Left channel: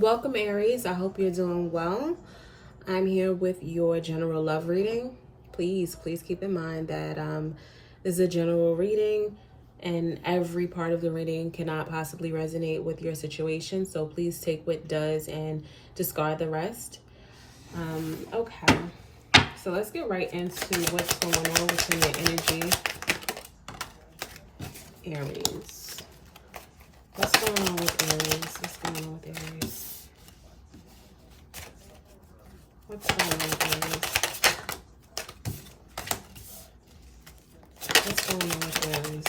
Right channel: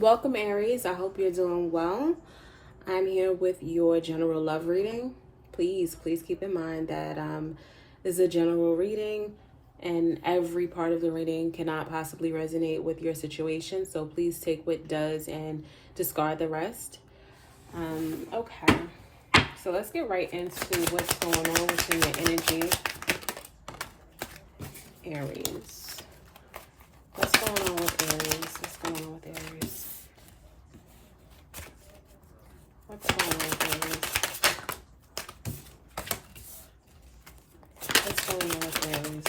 Welcome, Aries. I hope you're doing well. I'm here with your general love reading. Please keep in mind that this is a general reading and every part of the reading cannot possibly resonate with your situation. So please take what does and discard the rest. Okay. So let's get right into what's going on within your energy, Aries. What's going on with Aries? What's going on with Aries? What's going on with Aries? What's going on with Aries?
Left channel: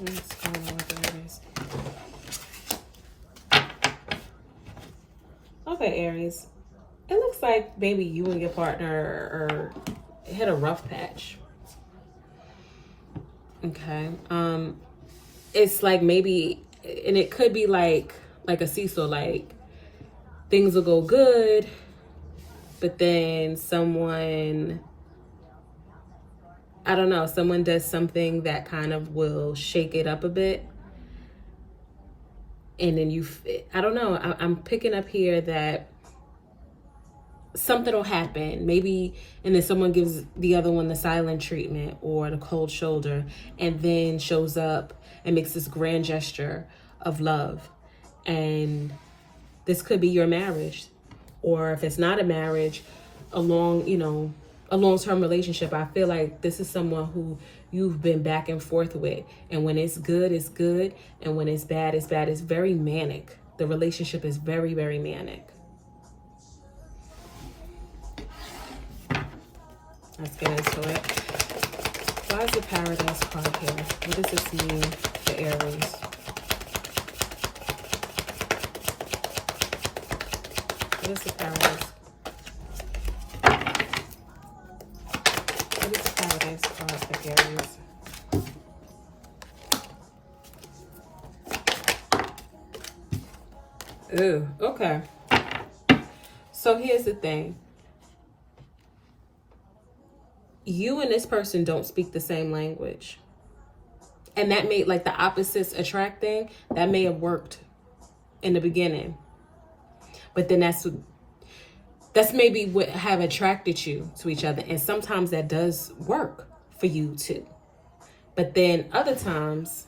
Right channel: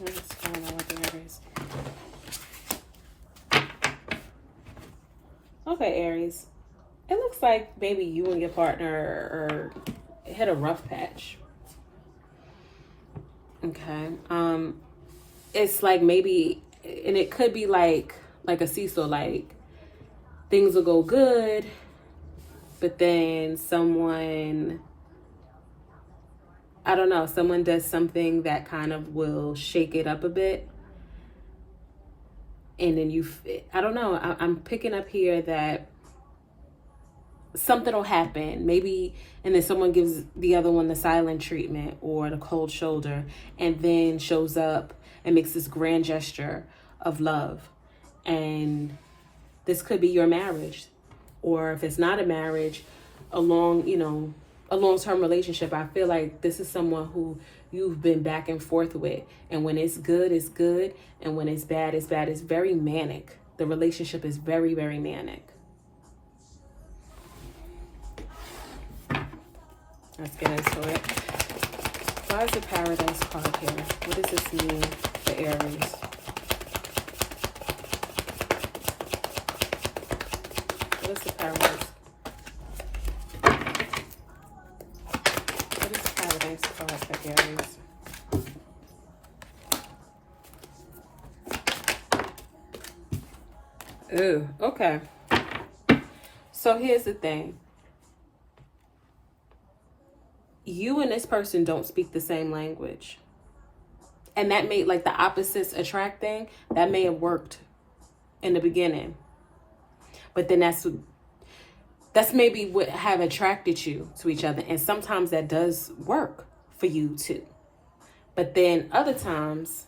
What's going on with Aries? Okay, Aries. It looks like maybe you and your partner hit a rough patch. Okay. It's like maybe, and it could be like a seesaw, like things will go good, but then someone, I don't know, someone does something that kind of will shake it up a bit. And then I don't know, I'm picking up here that something will happen, maybe, and then someone gives the other one the silent treatment or the cold shoulder, and then shows up and makes this grand gesture of love. And this could be your marriage, or if it's not a marriage, a long-term relationship. I feel like this is someone who you've been back and forth with, and when it's good, it's good, and when it's bad, it's bad. It's very manic. The relationship is very, very manic. Let's get into it. Why is the Paradise card here? What does this mean for Aries? What is the Paradise? What is the Paradise card for Aries? Ooh, okay. So here's the thing. You and this person don't speak the same language. And that made, like, the opposites attracting, that may have worked in the beginning. But then that's maybe what have attracted you to each other. And sometimes that does work for you too. But then other times,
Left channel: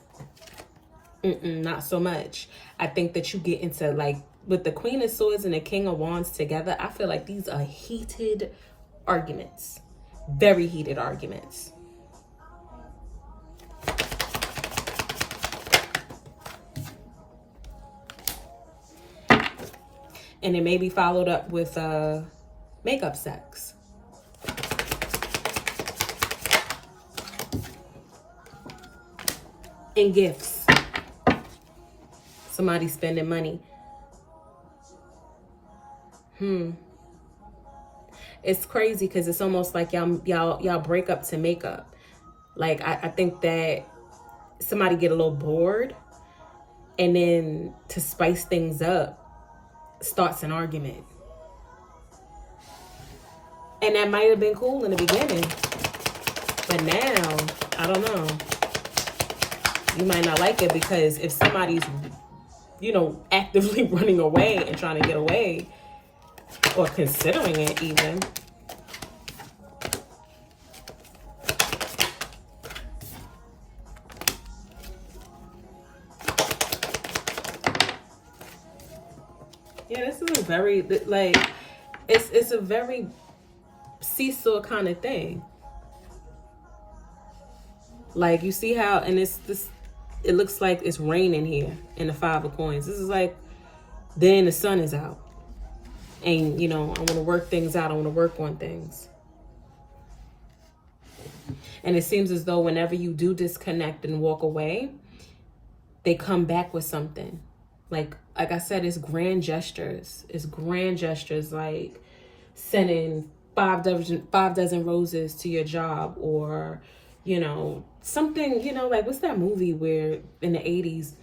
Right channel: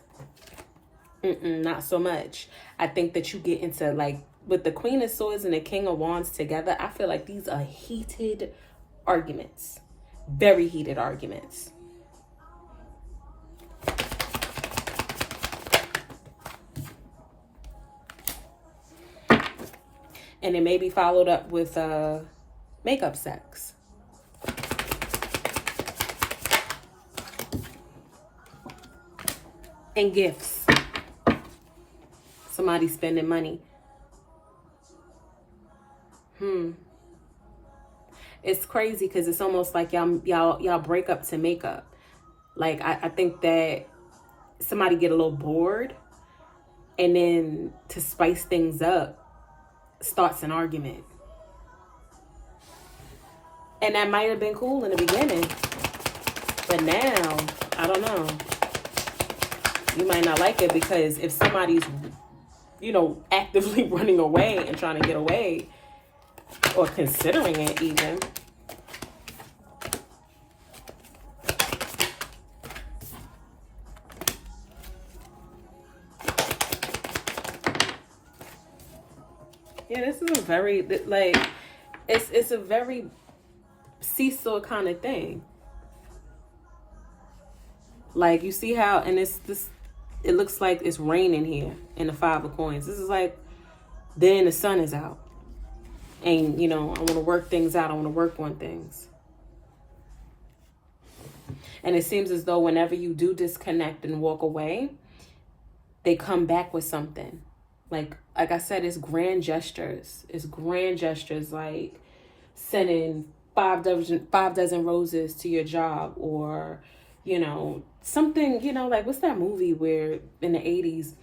not so much. I think that you get into, like, with the Queen of Swords and the King of Wands together, I feel like these are heated arguments. Very heated arguments. And it may be followed up with makeup sex. And gifts. Somebody spending money. It's crazy because it's almost like y'all break up to make up. Like, I think that somebody get a little bored, and then to spice things up, starts an argument. And that might have been cool in the beginning, but now, I don't know. You might not like it, because if somebody's, actively running away and trying to get away, or considering it even, this is a very, like, it's a very seesaw kind of thing. Like, you see how, and it looks like it's raining here in the Five of Coins. This is like, then the sun is out. And, I want to work things out. I want to work on things. And it seems as though whenever you do disconnect and walk away, they come back with something. Like I said, it's grand gestures. It's grand gestures, like sending five dozen roses to your job, or, something, like, what's that movie where in the 80s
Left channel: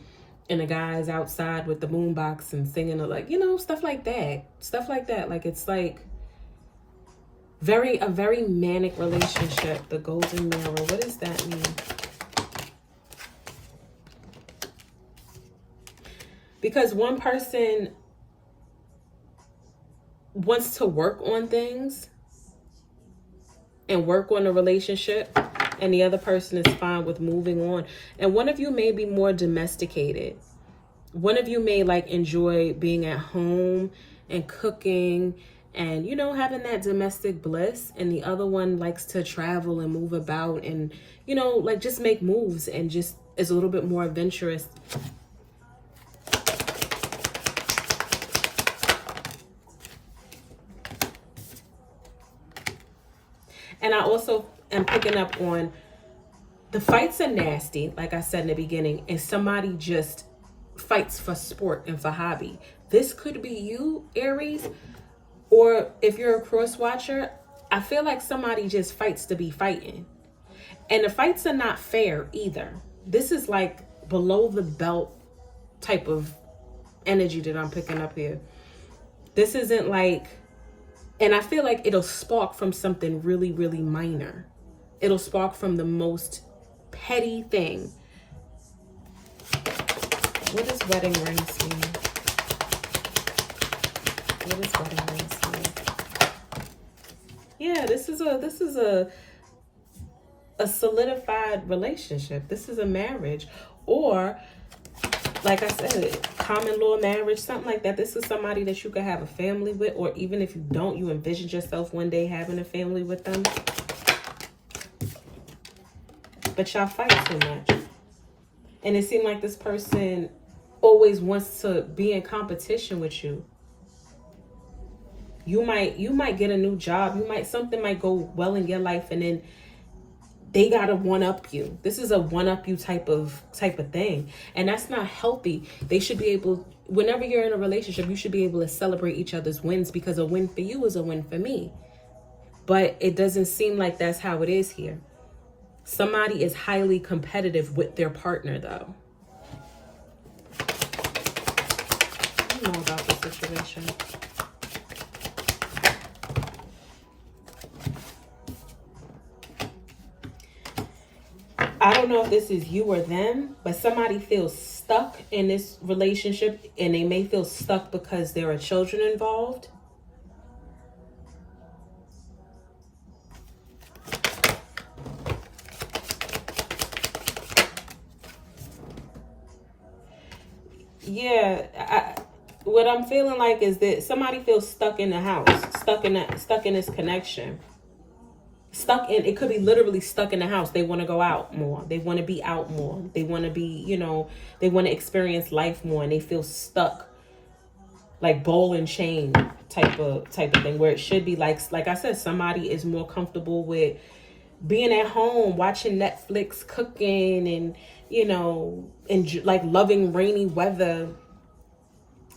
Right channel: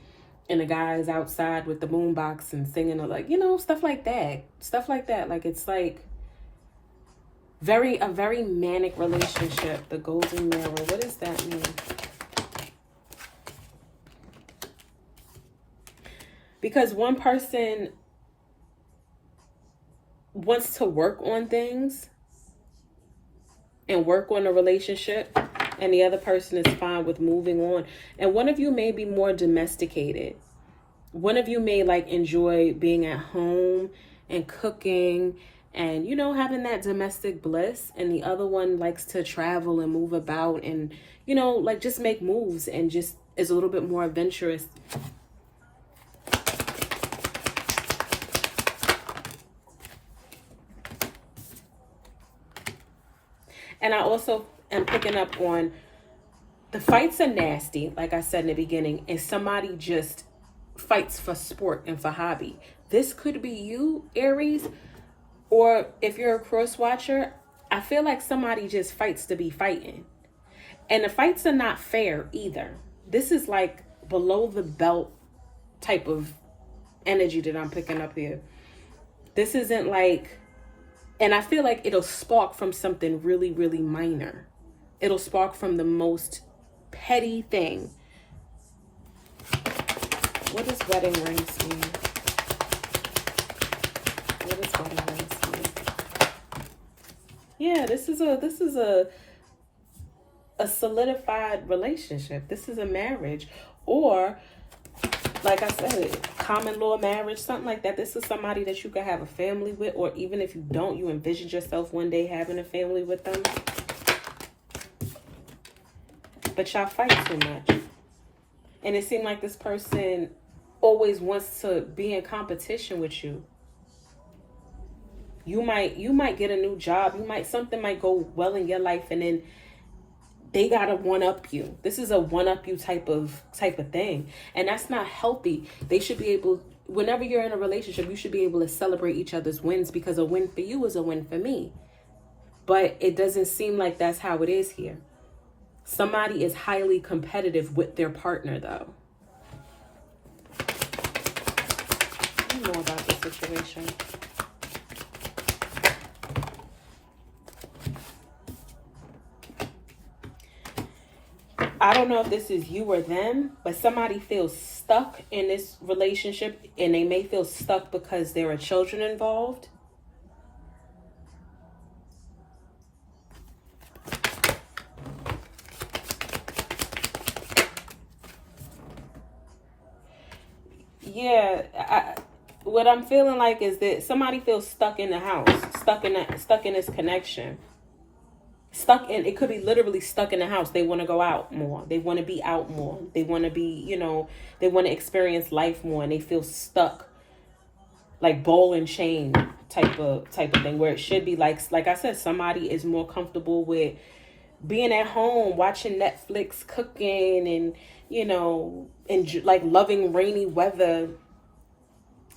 and the guy's outside with the boombox and singing, like, stuff like that. Like, it's like a very manic relationship. The golden mirror. What does that mean? Because one person wants to work on things and work on a relationship, and the other person is fine with moving on. And one of you may be more domesticated. One of you may like enjoy being at home and cooking and, you know, having that domestic bliss. And the other one likes to travel and move about and, you know, like just make moves and just is a little bit more adventurous. And I also am picking up on the fights are nasty, like I said in the beginning, and somebody just fights for sport and for hobby. This could be you, Aries, or if you're a cross watcher, I feel like somebody just fights to be fighting. And the fights are not fair either. This is like below the belt type of energy that I'm picking up here. This isn't like, and I feel like it'll spark from something really, really minor. It'll spark from the most petty thing. What does wedding rings mean? What does wedding rings mean? Yeah, this is a solidified relationship. This is a marriage, or like I said, common law marriage, something like that. This is somebody that you could have a family with, or even if you don't, you envision yourself one day having a family with them. But y'all fight too much. And it seemed like this person always wants to be in competition with you. You might get a new job. Something might go well in your life, and then they gotta one-up you. This is a one-up you type of thing. And that's not healthy. They should be able, whenever you're in a relationship, you should be able to celebrate each other's wins, because a win for you is a win for me. But it doesn't seem like that's how it is here. Somebody is highly competitive with their partner, though. I know about the situation. I don't know if this is you or them, but somebody feels stuck in this relationship, and they may feel stuck because there are children involved. Yeah, what I'm feeling like is that somebody feels stuck in the house, stuck in this connection. It could be literally stuck in the house. They want to go out more. They want to be out more. They want to be, they want to experience life more, and they feel stuck, like ball and chain type of thing, where it should be like I said, somebody is more comfortable with being at home, watching Netflix, cooking, and, and like loving rainy weather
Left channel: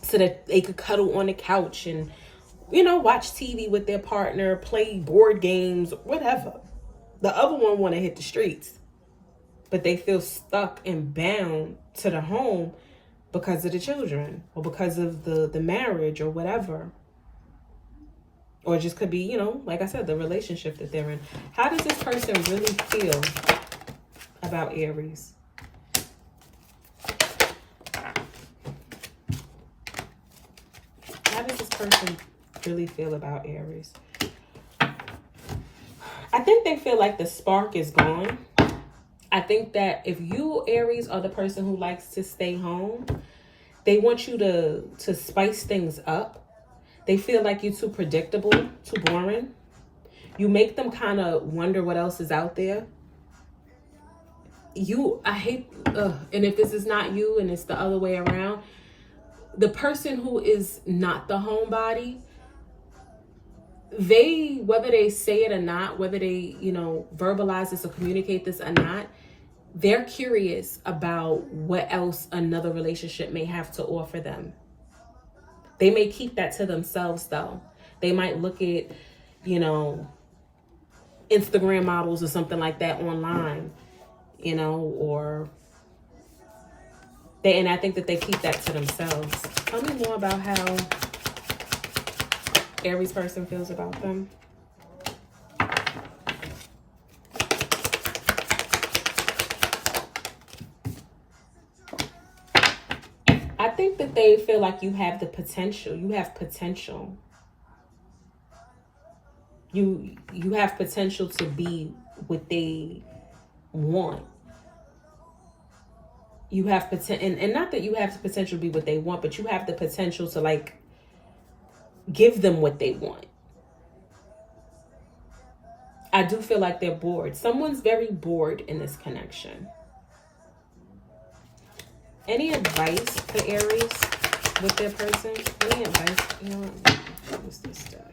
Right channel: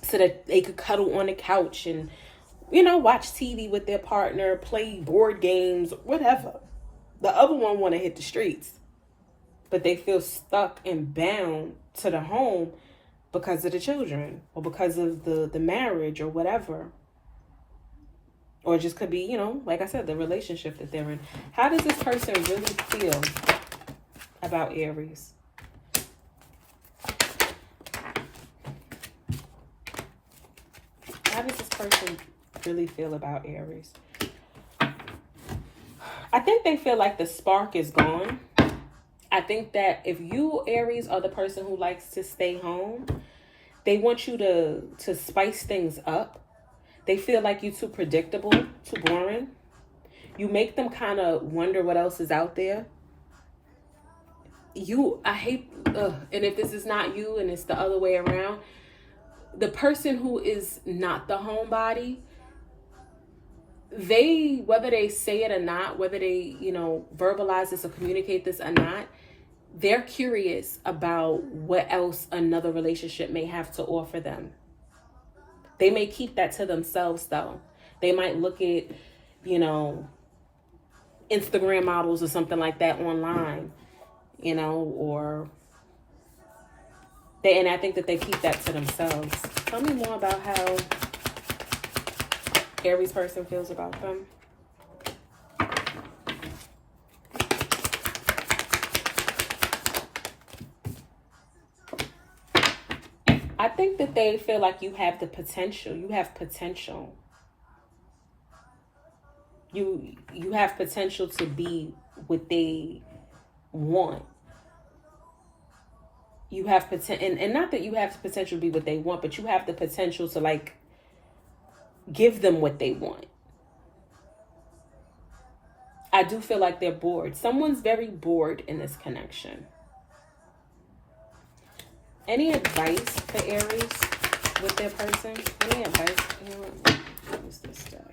so that they could cuddle on the couch and, watch TV with their partner, play board games, whatever. The other one want to hit the streets, but they feel stuck and bound to the home because of the children, or because of the marriage, or whatever. Or it just could be, like I said, the relationship that they're in. How does this person really feel about Aries? How does this person really feel about Aries? I think they feel like the spark is gone. I think that if you, Aries, are the person who likes to stay home, they want you to spice things up. They feel like you're too predictable, too boring. You make them kind of wonder what else is out there. And if this is not you and it's the other way around, the person who is not the homebody, whether they say it or not, whether they, verbalize this or communicate this or not, they're curious about what else another relationship may have to offer them. They may keep that to themselves, though. They might look at, Instagram models or something like that online, and I think that they keep that to themselves. Tell me more about how Aries person feels about them. think that they feel like you have the potential. You have potential. You have potential to be what they want. You have potential, and not that you have the potential to be what they want, but you have the potential to like give them what they want. I do feel like they're bored. Someone's very bored in this connection. Any advice for Aries with their person? Any advice? What's this deck?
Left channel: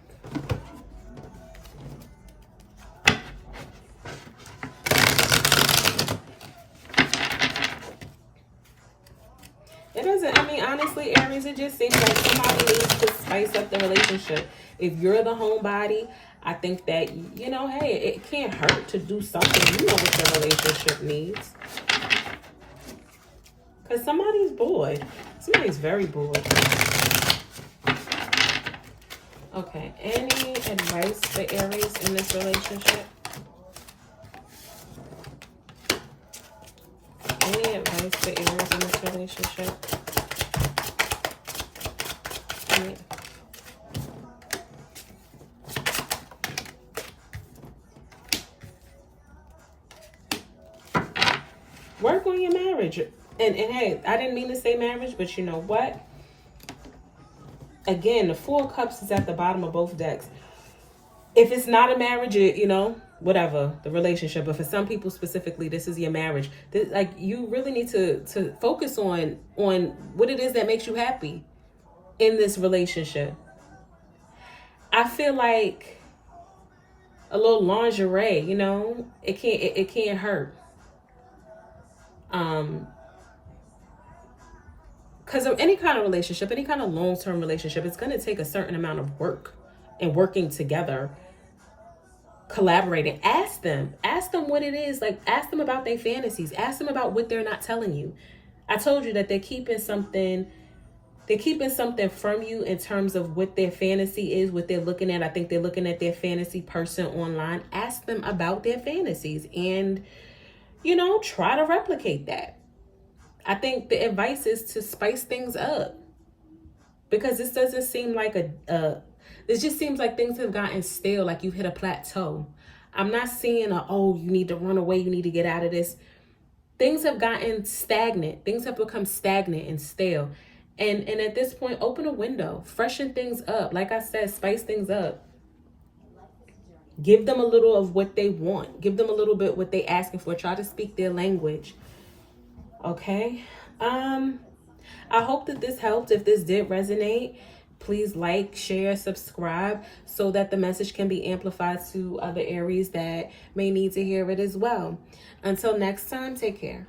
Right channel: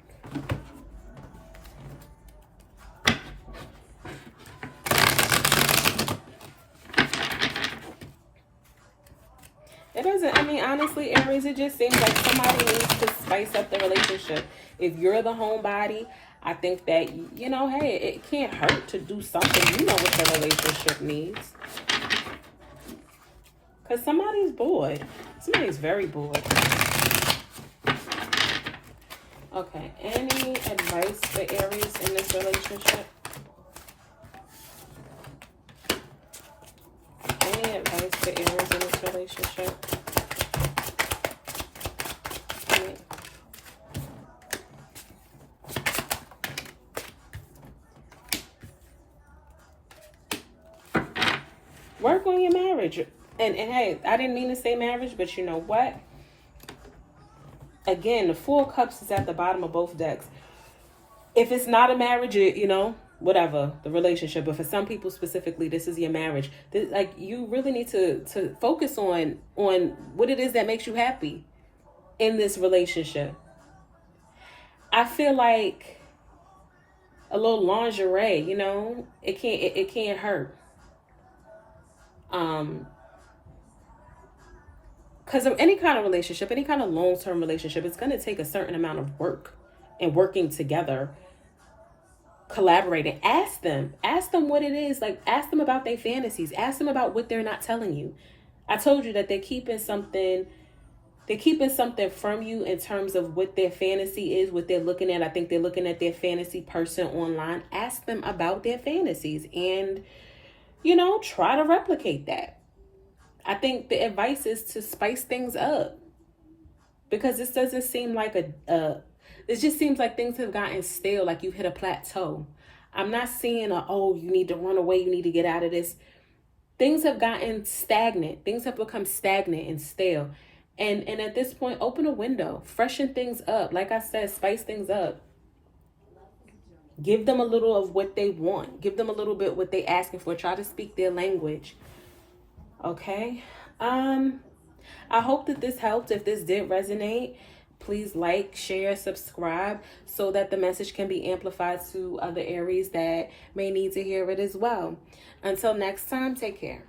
It doesn't, I mean, honestly, Aries, it just seems like somebody needs to spice up the relationship. If you're the homebody, I think that, you know, hey, it can't hurt to do something. You know what the relationship needs. Because somebody's bored. Somebody's very bored. Okay, any advice for Aries in this relationship? Any advice for Aries in this relationship? Yeah. Work on your marriage. And hey, I didn't mean to say marriage, but you know what? Again, the Four of Cups is at the bottom of both decks. If it's not a marriage, you know, whatever, the relationship. But for some people specifically, this is your marriage. Like, you really need to focus on what it is that makes you happy in this relationship. I feel like a little lingerie, you know, it can't hurt. Because of any kind of relationship, any kind of long-term relationship, it's going to take a certain amount of work and working together, collaborating. Ask them what it is. Like, ask them about their fantasies. Ask them about what they're not telling you. I told you that they're keeping something from you in terms of what their fantasy is, what they're looking at. I think they're looking at their fantasy person online. Ask them about their fantasies and, you know, try to replicate that. I think the advice is to spice things up, because this doesn't seem like it just seems like things have gotten stale, like you've hit a plateau. I'm not seeing you need to run away, you need to get out of this. Things have gotten stagnant. Things have become stagnant and stale. And at this point, open a window, freshen things up. Like I said, spice things up. Give them a little of what they want. Give them a little bit what they asking for. Try to speak their language. Okay. I hope that this helped. If this did resonate, please like, share, subscribe so that the message can be amplified to other Aries that may need to hear it as well. Until next time, take care.